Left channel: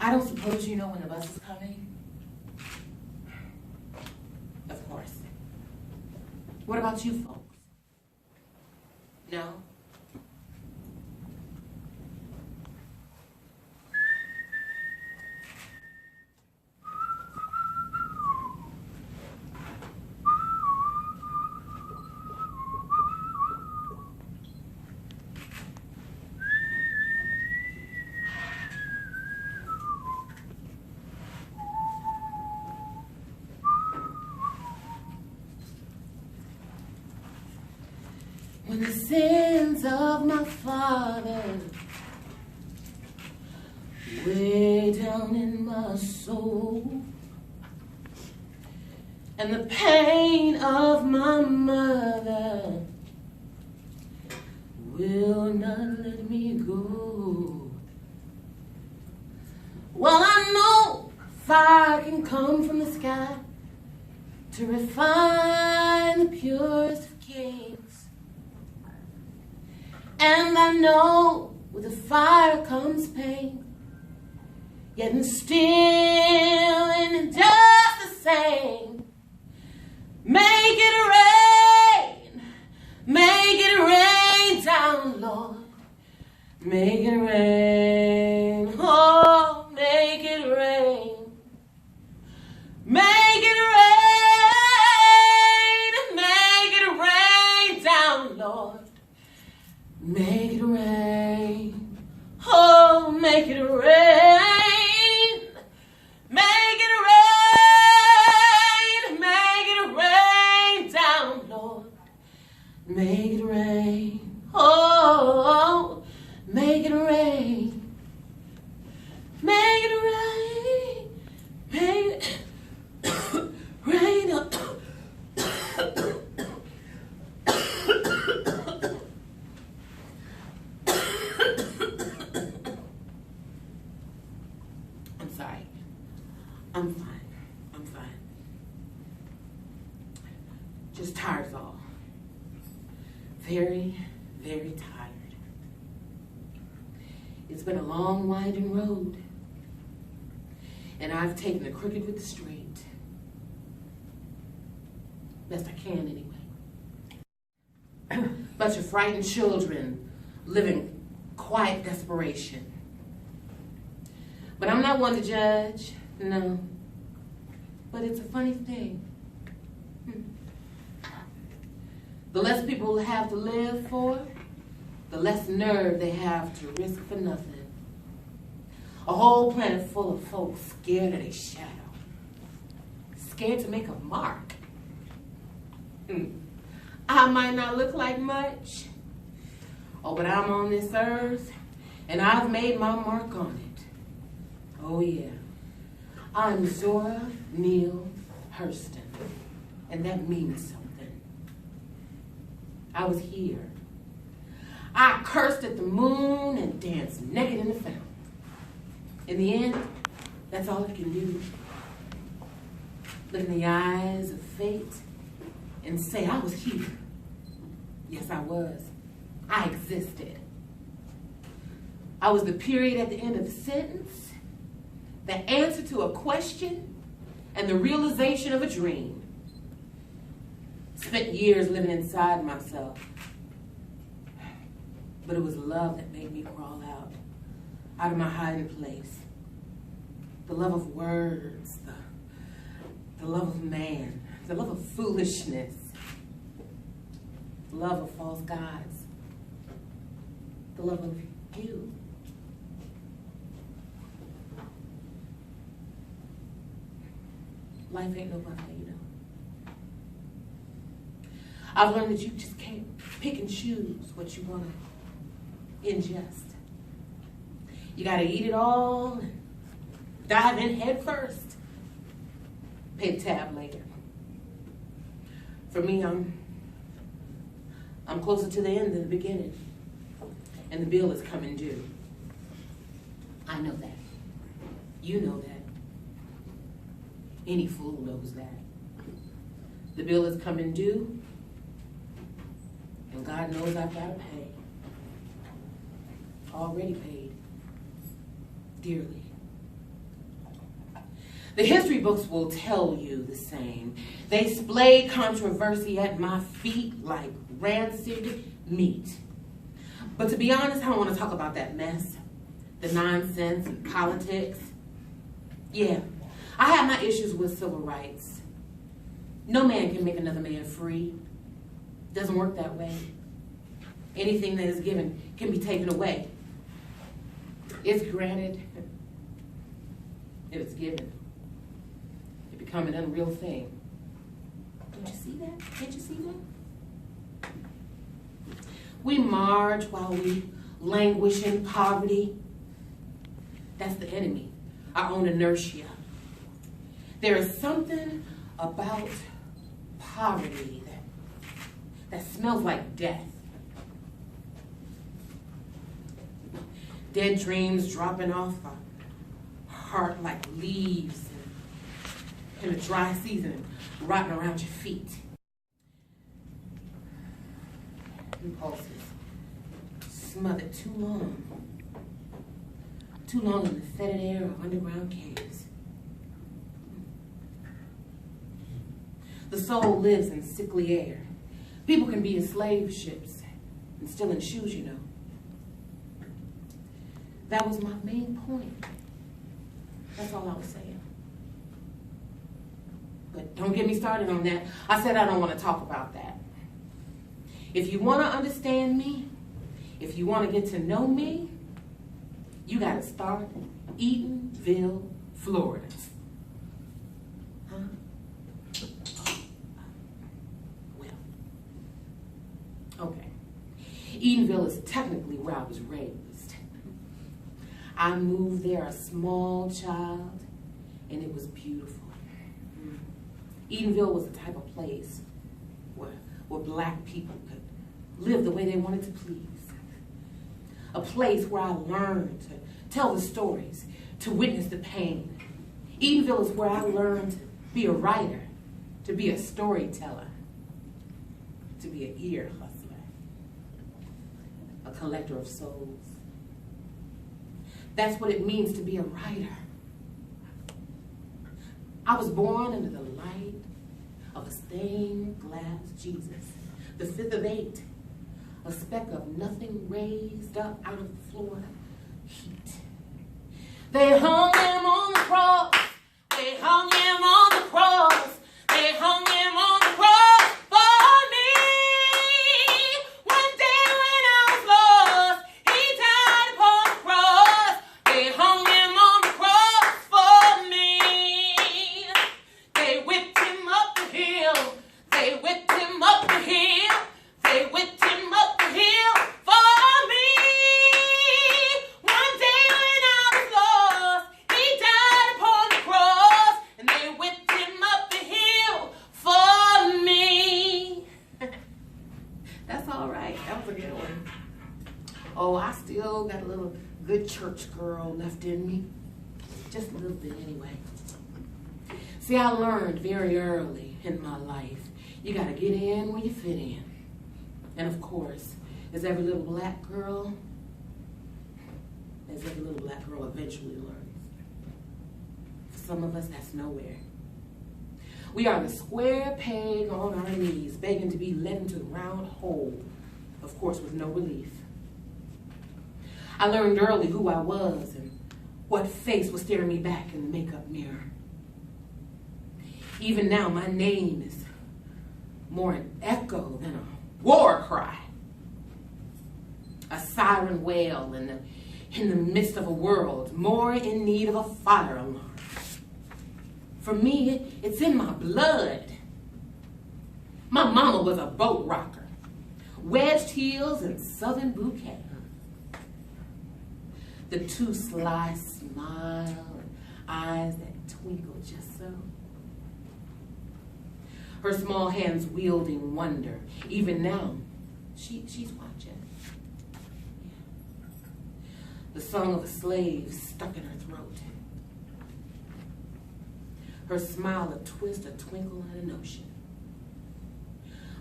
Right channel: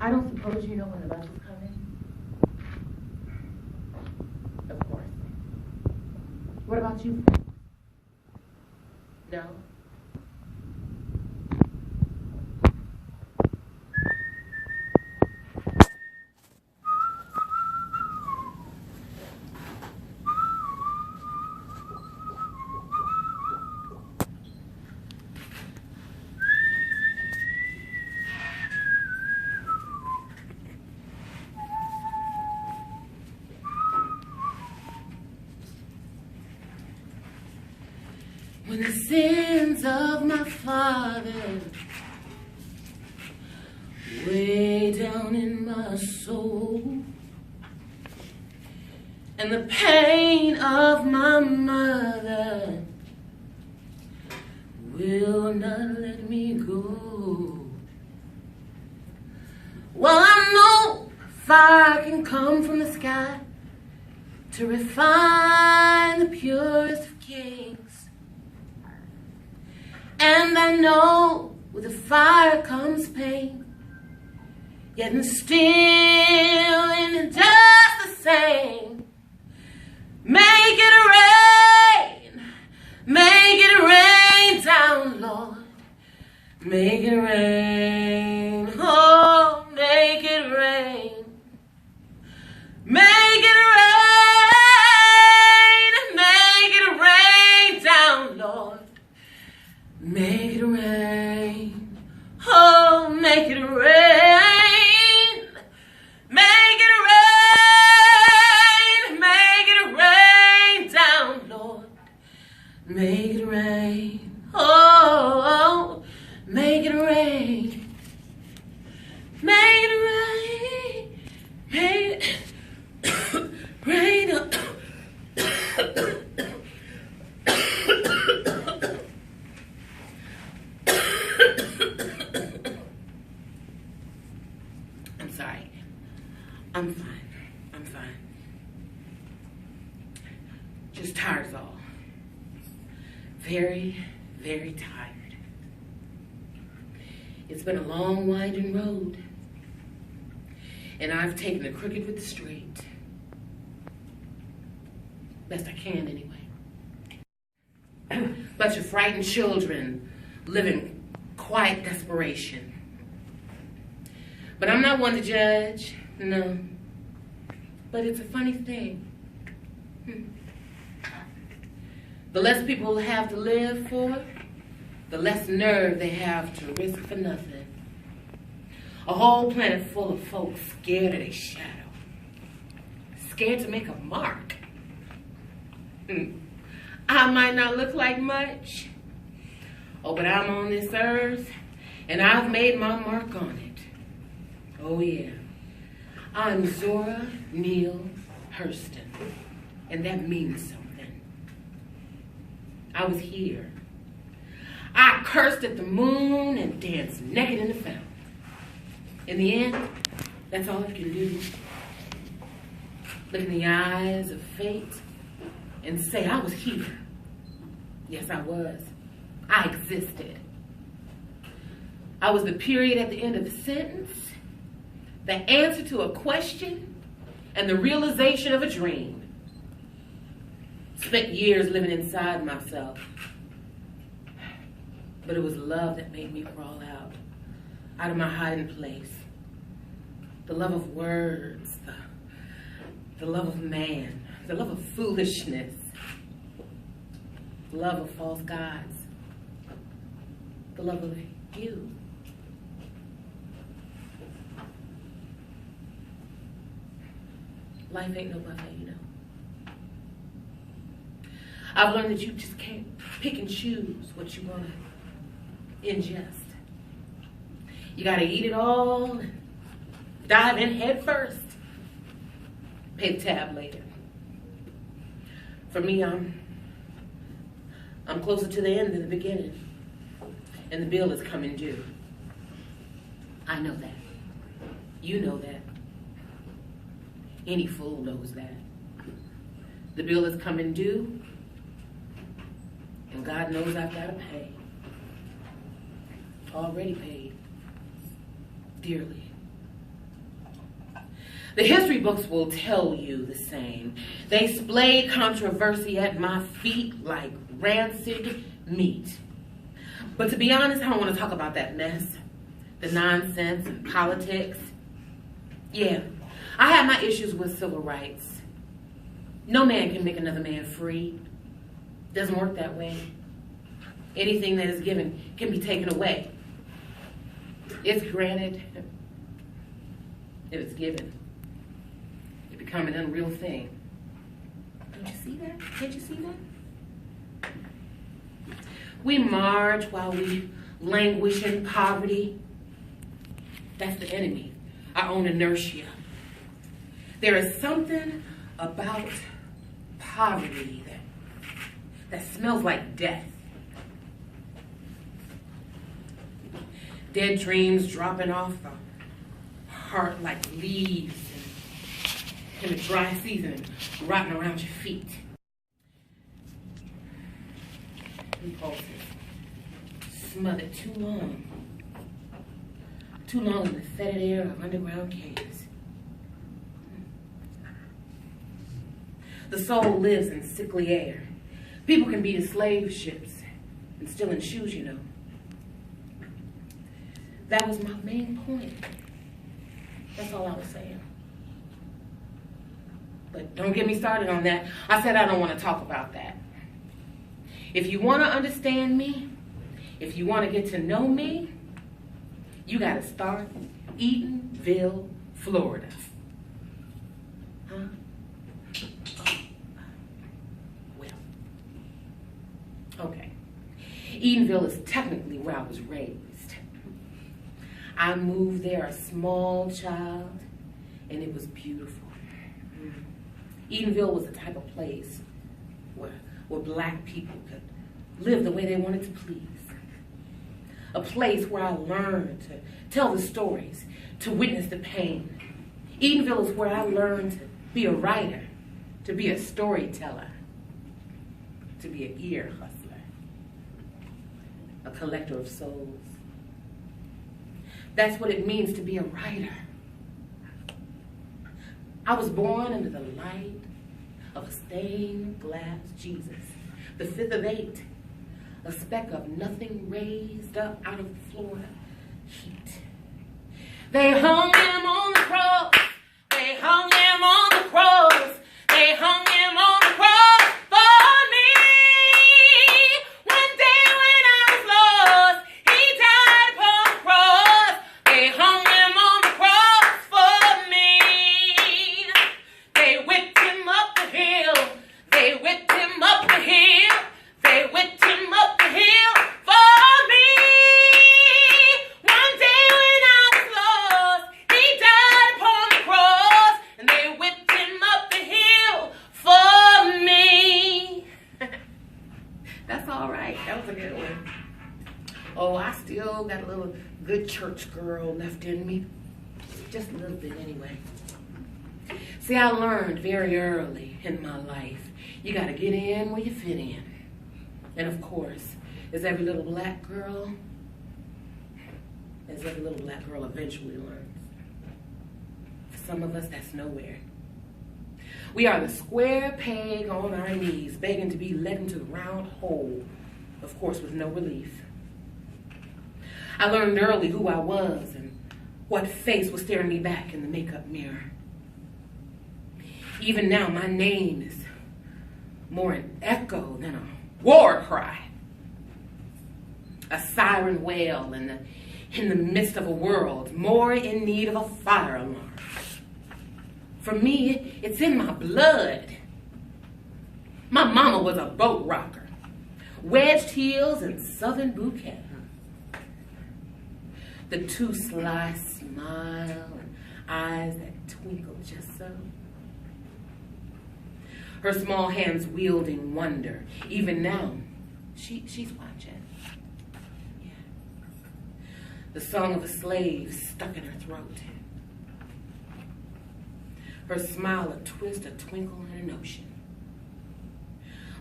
I don't suppose you know when the bus is coming? Of course. What about you folks? No? When the sins of my father way down in my soul, and the pain of my mother will not let me go. Well, I know fire can come from the sky to refine the purest of kings. And I know with the fire comes pain, yet and still in just the same. Make it rain down, Lord. Make it rain, oh, make it rain. Make it rain down, Lord. Make it rain, oh, make it rain. Make it rain down, Lord. Make it rain, oh, make it rain. Make it rain, make it rain. I'm sorry. I'm fine. Just tired is all. Very, very tired. It's been a long, winding road, and I've taken the crooked with the straight. Best I can, anyway. Bunch of frightened children living quiet desperation. But I'm not one to judge, no. But it's a funny thing. The less people have to live for, the less nerve they have to risk for nothing. A whole planet full of folks scared of their shadow. Scared to make a mark. I might not look like much. Oh, but I'm on this earth, and I've made my mark on it. Oh, yeah. I'm Zora Neale Hurston, and that means something. I was here. I cursed at the moon and danced naked in the fountain. In the end, that's all I can do. Look in the eyes of fate and say I was here. Yes, I was. I existed. I was the period at the end of a sentence, the answer to a question, and the realization of a dream. Spent years living inside myself. But it was love that made me crawl out of my hiding place. The love of words, the love of man, the love of foolishness, the love of false gods, the love of you. Life ain't no buffet, you know. I've learned that you just can't pick and choose what you want to ingest. You got to eat it all and dive in head first. Pay the tab later. For me, I'm closer to the end than the beginning. And the bill is coming due. I know that. You know that. Any fool knows that. The bill is coming due, and God knows I've got to pay. Already paid. Dearly. The history books will tell you the same. They splayed controversy at my feet like rancid meat. But to be honest, I don't want to talk about that mess, the nonsense and politics. Yeah, I have my issues with civil rights. No man can make another man free. Doesn't work that way. Anything that is given can be taken away. It's granted if it's given. It becomes an unreal thing. Don't you see that? Can't you see that? We march while we languish in poverty. That's the enemy, our own inertia. There is something about poverty that smells like death. Dead dreams dropping off the heart like leaves in a dry season, rotting around your feet. Impulses smothered too long in the fetid air of underground caves. The soul lives in sickly air. People can be in slave ships and still in shoes, you know. That was my main point. That's all I was saying. But don't get me started on that. I said I don't want to talk about that. If you want to understand me, if you want to get to know me, you got to start Eatonville, Florida. Huh? Well, okay. Eatonville is technically where I was raised. I moved there a small child, and it was beautiful. Eatonville was the type of place where black people could live the way they wanted to please. A place where I learned to tell the stories, to witness the pain. Eatonville is where I learned to be a writer, to be a storyteller, to be an ear hustler, a collector of souls. That's what it means to be a writer. I was born under the light of a stained glass Jesus, the fifth of 8, a speck of nothing raised up out of Florida heat. They hung him on the cross. They hung him on the cross. They hung him on the cross for me. One day when I was lost, he died upon the cross. They hung him on the cross for me. They whipped him up the hill. They whipped him up the hill. They whipped him up the hill for me. One day when I was lost, he died upon the cross, and they whipped him up the hill for me. That's all right. That was a good one. Oh, I still got a little good church girl left in me. Just a little bit anyway. See, I learned very early in my life, you got to get in where you fit in. And of course, as every little black girl, eventually learns. For some of us, that's nowhere. We are the square peg on our knees, begging to be led into the round hole, of course, with no relief. I learned early who I was and what face was staring me back in the makeup mirror. Even now, my name is more an echo than a war cry. A siren wail in the midst of a world more in need of a fire alarm. For me, it's in my blood. My mama was a boat rocker, wedged heels and southern bouquet. The too sly smile and eyes that twinkle just so. Her small hands wielding wonder. Even now, she's watching. Yeah. The song of a slave stuck in her throat. Her smile a twist, a twinkle, and a notion.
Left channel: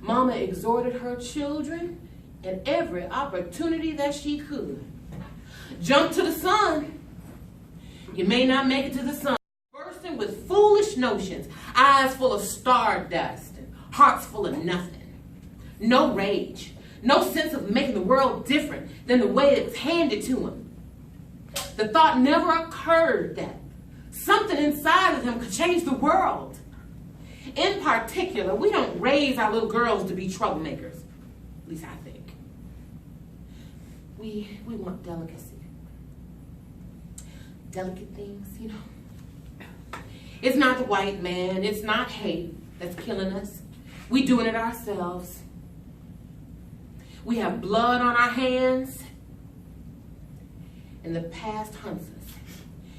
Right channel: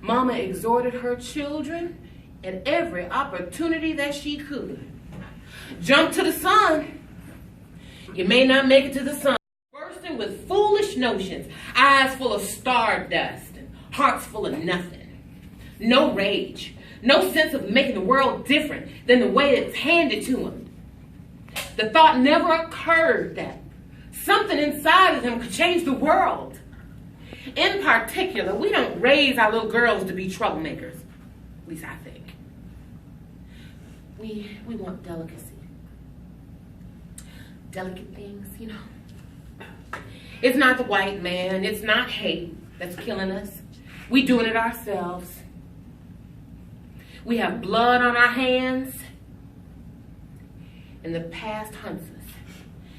Mama exhorted her children at every opportunity that she could. Jump to the sun. You may not make it to the sun. Bursting with foolish notions, eyes full of stardust, and hearts full of nothing. No rage, no sense of making the world different than the way it's handed to him. The thought never occurred that something inside of him could change the world. In particular, we don't raise our little girls to be troublemakers. At least I think. We want delicacy. Delicate things, you know. It's not the white man, it's not hate that's killing us. We're doing it ourselves. We have blood on our hands, and the past hunts us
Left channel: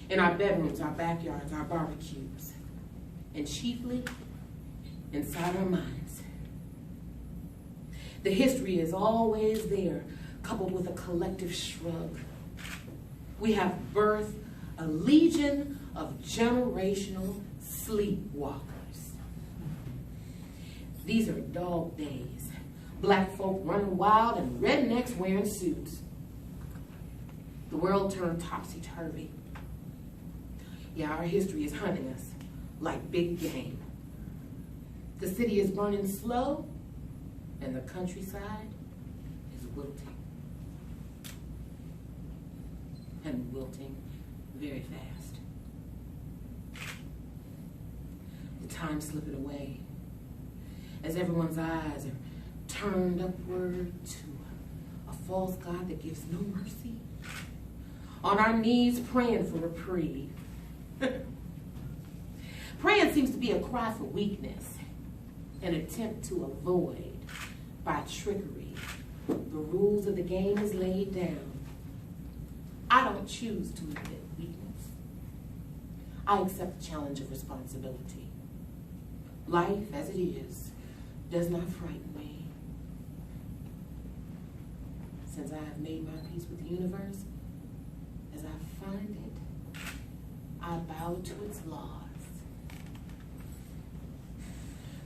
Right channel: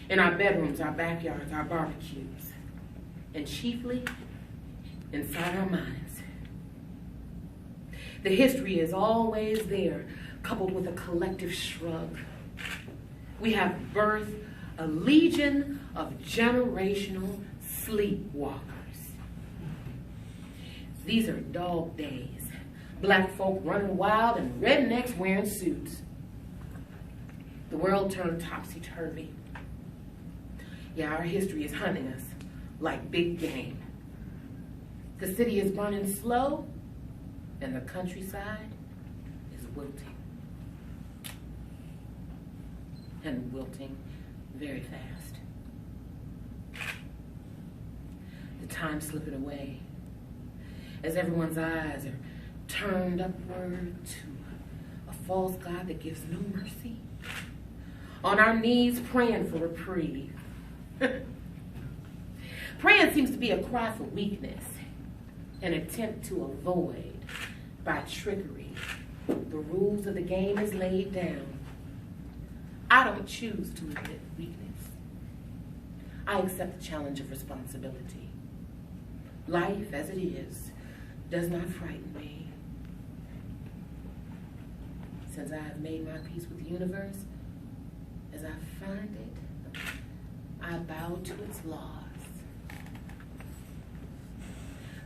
in our bedrooms, our backyards, our barbecues, and chiefly inside our minds. The history is always there, coupled with a collective shrug. We have birthed a legion of generational sleepwalkers. These are dog days. Black folk running wild and rednecks wearing suits. The world turned topsy-turvy. Yeah, our history is hunting us like big game. The city is burning slow, and the countryside is wilting. And wilting very fast. The time slipping away as everyone's eyes are turned upward to a false God that gives no mercy. On our knees praying for reprieve. Praying seems to be a cry for weakness, an attempt to avoid by trickery. The rules of the game is laid down. I don't choose to admit weakness. I accept the challenge of responsibility. Life, as it is, does not frighten me. Since I have made my peace with the universe, as I find it, I bow to its laws.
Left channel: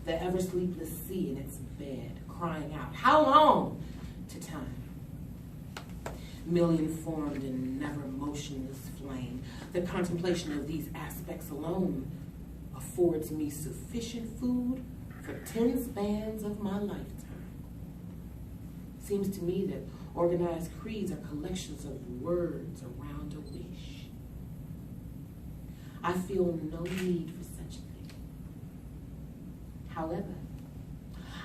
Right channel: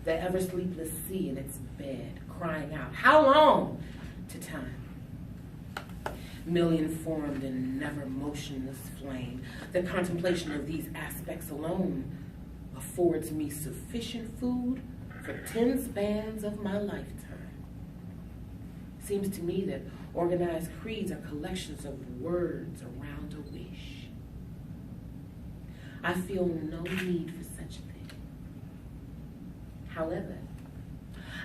The ever-sleepless sea in its bed, crying out, how long to time? Million-formed and never motionless flame. The contemplation of these aspects alone affords me sufficient food for 10 spans of my lifetime. Seems to me that organized creeds are collections of words around a wish. I feel no need for such a thing. However,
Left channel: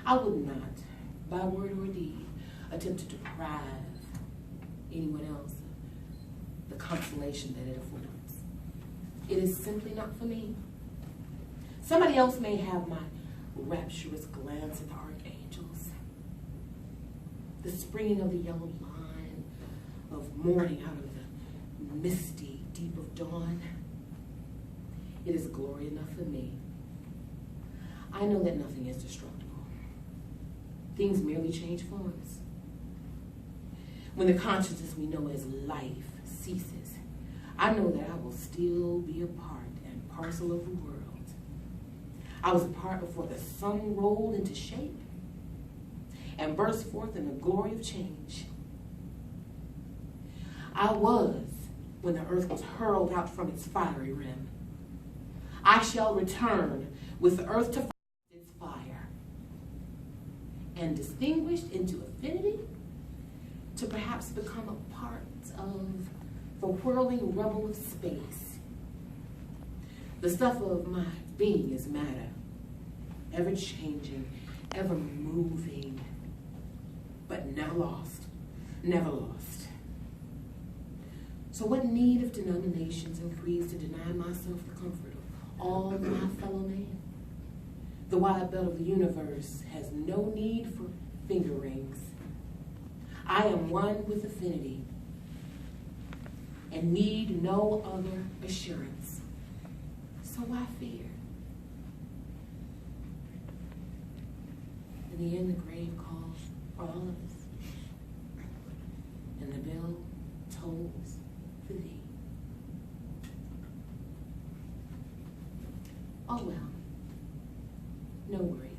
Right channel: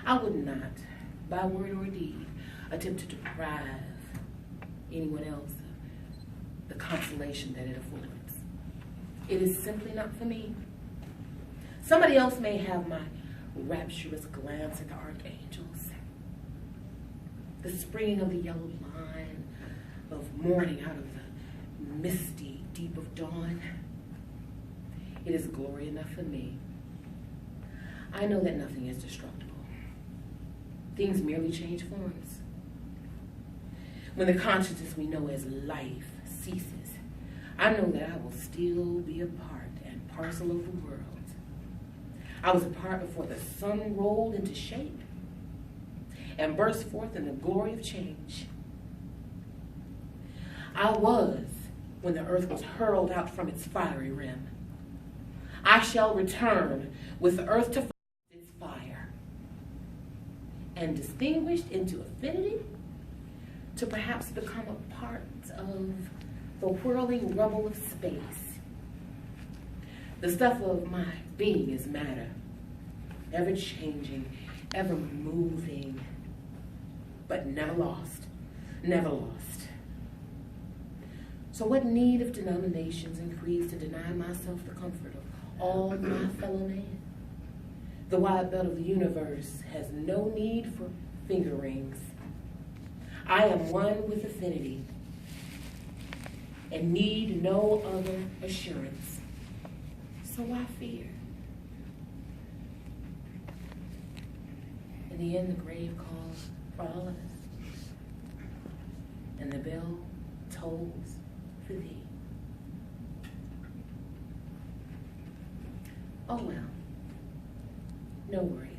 I would not, by word or deed, attempt to deprive anyone else of the consolation that it affords. It is simply not for me. Somebody else may have my rapturous glance at the archangels, the springing of the yellow line of morning out of the misty deep of dawn. It is glory enough for me. I know that nothing is destructible. Things merely change forms. When the consciousness we know as life ceases, I know that I will still be a part and parcel of the world. I was a part before the sun rolled into shape and burst forth in the glory of change. I was when the earth was hurled out from its fiery rim. I shall return with the earth to its fire and distinguished into affinity to perhaps become a part of the whirling rubble of space. The stuff of my being is matter, ever changing, ever moving, but never lost, never lost. So what need of denominations and creeds to deny myself the comfort of all my fellow men? The wide belt of the universe has no need for finger rings. I am one with affinity and need no other assurance. So why fear? In the end, the grave calls for all of us, and the bell tolls for thee. Oh well, no worries.